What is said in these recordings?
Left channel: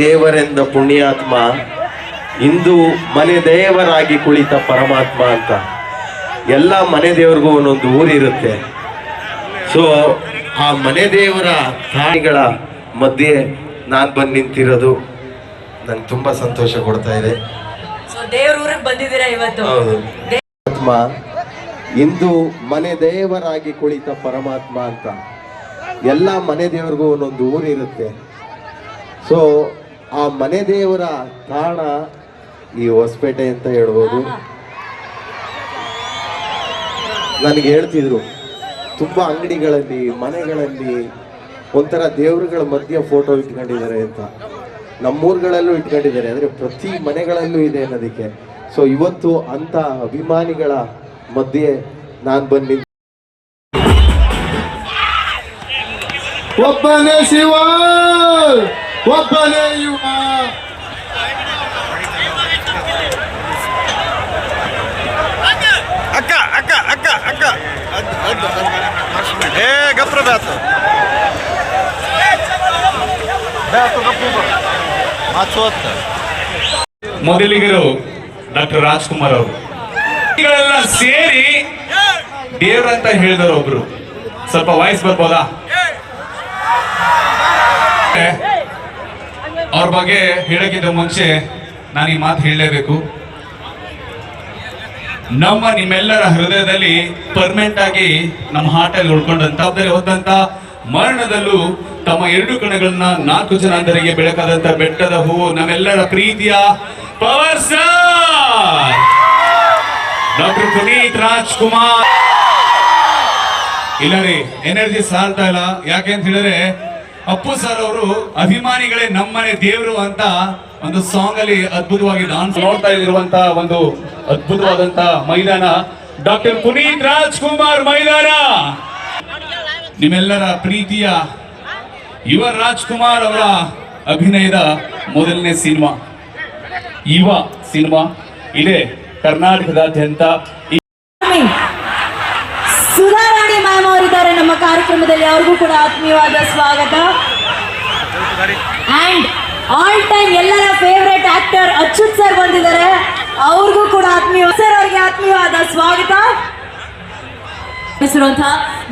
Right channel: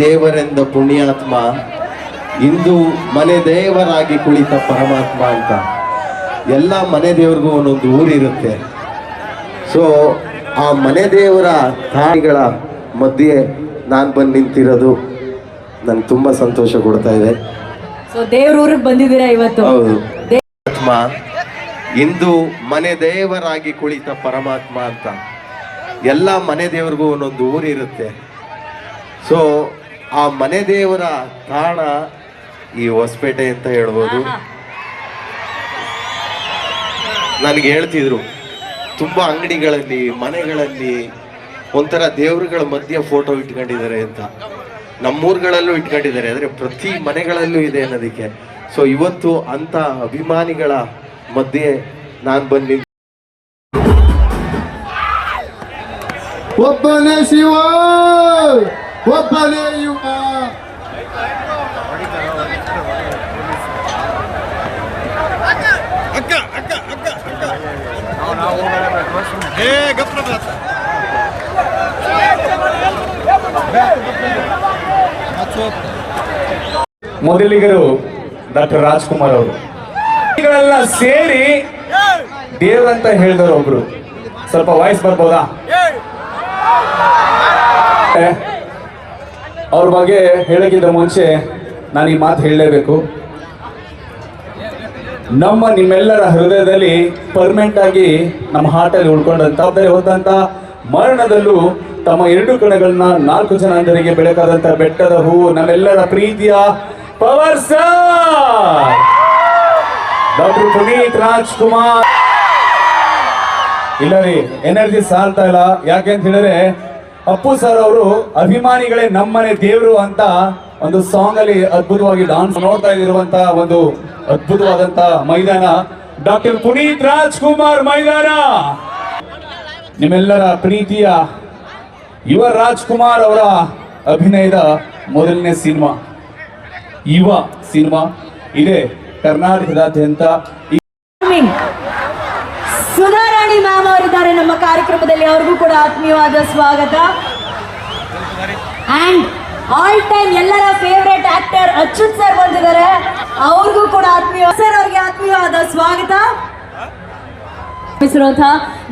ದೇವರೆಂದ ಪುಣ್ಯಾತ್ಮ ಇಂದು ಮನೆ ದೇವರಾಗಿ ಕುಳಿತ ಪರಮಾತ್ಮ ಅಂತ. ಎಲ್ಲ ಮನೆ ದೇವ್ರಿಗೂ ಒಂದೊಂದು ಊರಿರುತ್ತೆ. ಸೊ ಆ ಮನೆ ದೇವರ ತಾಯಿಗಳ ಮಧ್ಯೆ ನಾನು ಬಂದು ನಿಂತಿರೋದು ನನ್ಗೆ ತುಂಬಾ ಸಂತೋಷ ಕೊಡ್ತಾ ಇದೆ. ದೇವ್ರ ಊರಿಗೆ ಬಂದಿದ್ದೀರಾ ಇವತ್ತು? ಹೌದು. ಆತ್ಮ ಇಂದು ಮನೆ ದೇವರಾಗಿ ಕುಳಿತ ಪರಮಾತ್ಮ ಅಂತ. ಎಲ್ಲ ಮನೆ ದೇವ್ರಿಗೂ ಒಂದೊಂದು ಊರಿರುತ್ತೆ. ಸೊ ಆ ಮನೆ ದೇವರ ತಾಣ ಈ ಹೊಸಪೇಟೆ ಅಂತ ಹೇಳ್ಬೋದು. ನನಗೆ ಹೇಳ್ತಿದ್ರು ತುಂಬಾ ಅಂಗಡಿಗಳಲ್ಲಿ ಮನೆಗಳಲ್ಲಿ ಒಂಥರ ದೇವರುಗಳ ಮಧ್ಯೆ ಫೋಟೋ ಇಟ್ಕೊಂಡಿದ್ದಾರೆ ಅಂತ. ನಮ್ಮೂರುಗಳಲ್ಲೂ ಇಟ್ಕೊಂಡಿದ್ದಾರೆ, ಆದರೆ ಪ್ರತಿ ಮನೆಗಳಲ್ಲೂ ಇದೆ ಅನ್ನೋದಕ್ಕೆ. ಸೊ ಇವತ್ತು ಅಂತ ಅಭಿಮಾನಿಗಳ ಮಧ್ಯೆ ನಾನು ಬಂದು ಒಬ್ಬನೇ ಶಿವ ಒಬ್ಬನೇ ಯುವ. ಅಕ್ಕ ಅಕ್ಕ ಅಕ್ಕ ಅಕ್ಕ ಏ ಗಪ್ರ ಬ್ಯಾತು ಬ್ಯಾತು ಗಪ್ಪ ಮೊದಲಿಗರು ಡಾಕ್ಟರ್ ರಾಜ್ಕುಮಾರ್ ಅವರು ಗಳೆಲ್ಲ ಸೇರಿ ದೇವ್ರಂತ ಹೇಳಿದವರು ಒಬ್ರು. ಸ್ವಲ್ಪ ವಾಯ್ಸ್ ಬರ್ಬೋದಾ? ಅವ್ರ ಬಗ್ಗೆ ಹೇಳೋಕ್ಕಿಂತ ಮುಂಚೆ ನಾನು ಈ ಮಾತು ಹೇಳಲೇಬೇಕು. ನಿಮ್ಮೆಲ್ಲರ ಹೃದಯದಲ್ಲಿ ಪರ್ಮನೆಂಟ್ ಆಗಿ ನಮ್ಮ ಹಾರ್ಟಲ್ಲಿ ಉಳ್ಕೊಂಡಂತ ಹೋದಂತ ಮರಣದಲ್ಲೂ ತಮ್ಮ 2 ಕಣಗಳನ್ನ 4 ಜನಾಂಧರಿಗೆ ಬೆಳಕಾದಂತ ಬೆಟ್ಟದ ಹೂವು ನಮ್ಮೆಲ್ಲರ ಪ್ರೀತಿಯ power star doctor Puneeth Rajkumar. ಇಲ್ಲ ರೀ, ಎನರ್ಜಿ ಸಾಲ್ತಾ ಇಲ್ಲ. ಯಾಕೆ ಅಂತ ಹೇಳಿದ್ರೆ ಅಪ್ಪು ಸರ್ ಅವರು ಅಭಿಮಾನಿಗಳೇ ನಮ್ಮನೆ ದೇವರು ಅಂತ ಒಂದು ಸಾಂಗ್ ಅಲ್ಲಿ ಅದ್ಭುತವಾಗಿ ಡಾನ್ಸ್ ನೋಡ್ತಾ ಇರುವಂತ ಒಂದು ಅದ್ಭುತವಾದಂತ ಮೈದಾನ ಡಾಕ್ಟರ್ ಪುನೀತ್ ರಾಜ್ಕುಮಾರ್ ಮೈದಾನ. ನಿಮ್ಮೆಲ್ಲರ ಪ್ರೀತಿಯ ಯುವ ರಾಜ್ಕುಮಾರ್ ಅವರ ಅಭಿನಯದ ಮೊದಲನೇ ಸಿನಿಮಾ ಯುವ ಸಿನಿಮಾ ಇದೆ ಕರ್ನಾಟಕದಾದ್ಯಂತ. ಸುಧಾರಾಣಿ ಮ್ಯಾಮ್ ಅವರಿದ್ದಾರೆ ನಮ್ಮ ಕಾರ್ಯಕ್ರಮದಲ್ಲಿ, ಅವ್ರಿಗೂ ಕೂಡ ಆತ್ಮೀಯವಾದ ಸ್ವಾಗತ. ಅಂಡ್ ಆಲ್ ಟೈಮ್ ಎಲ್ಲರ ಫೇವರೇಟ್ ಆಕ್ಟರ್ ಅಚ್ಯುತ್ ಸರ್ ಬಂದಿದ್ದಾರೆ, ಅವ್ರಿಗೂ ಕೂಡ ಆತ್ಮೀಯವಾದ ಸ್ವಾಗತ.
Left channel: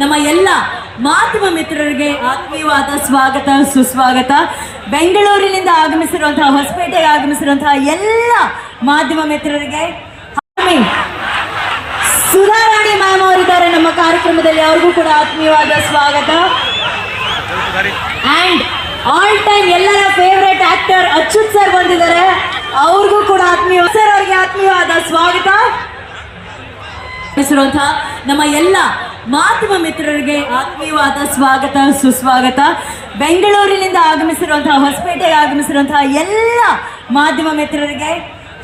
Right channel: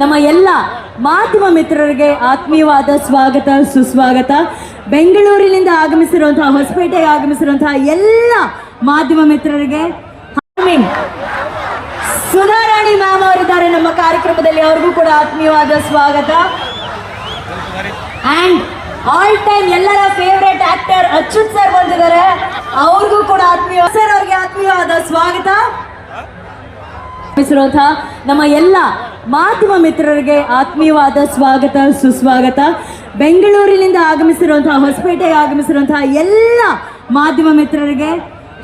ನಮ್ಮ ಎಲ್ಲ ಮಾಧ್ಯಮ ಮಿತ್ರರಿಗೆ ಆತ್ಮೀಯವಾದ ಸ್ವಾಗತ ಸುಸ್ವಾಗತ. ಬೆಂಗಳೂರಿನಿಂದ ಆಗಮಿಸಿರುವಂತಹ, ಹೊಸಪೇಟೆಗೆ ಆಗಮಿಸಿರುವಂತಹ ಎಲ್ಲ ಮಾಧ್ಯಮ ಮಿತ್ರರಿಗೆ ಸುಧಾರಾಣಿ ಮ್ಯಾಮ್ ಅವರಿದ್ದಾರೆ ನಮ್ಮ ಕಾರ್ಯಕ್ರಮದಲ್ಲಿ, ಅವ್ರಿಗೂ ಕೂಡ ಆತ್ಮೀಯವಾದ ಸ್ವಾಗತ. ಅಂಡ್ ಆಲ್ ಟೈಮ್ ಎಲ್ಲರ ಫೇವರೇಟ್ ಆಕ್ಟರ್ ಅಚ್ಯುತ್ ಸರ್ ಬಂದಿದ್ದಾರೆ, ಅವ್ರಿಗೂ ಕೂಡ ಆತ್ಮೀಯವಾದ ಸ್ವಾಗತ. ನಮ್ಮ ಎಲ್ಲ ಮಾಧ್ಯಮ ಮಿತ್ರರಿಗೆ ಆತ್ಮೀಯವಾದ ಸ್ವಾಗತ ಸುಸ್ವಾಗತ. ಬೆಂಗಳೂರಿನಿಂದ ಆಗಮಿಸಿರುವಂತಹ, ಹೊಸಪೇಟೆಗೆ ಆಗಮಿಸಿರುವಂತಹ ಎಲ್ಲ ಮಾಧ್ಯಮ ಮಿತ್ರರಿಗೆ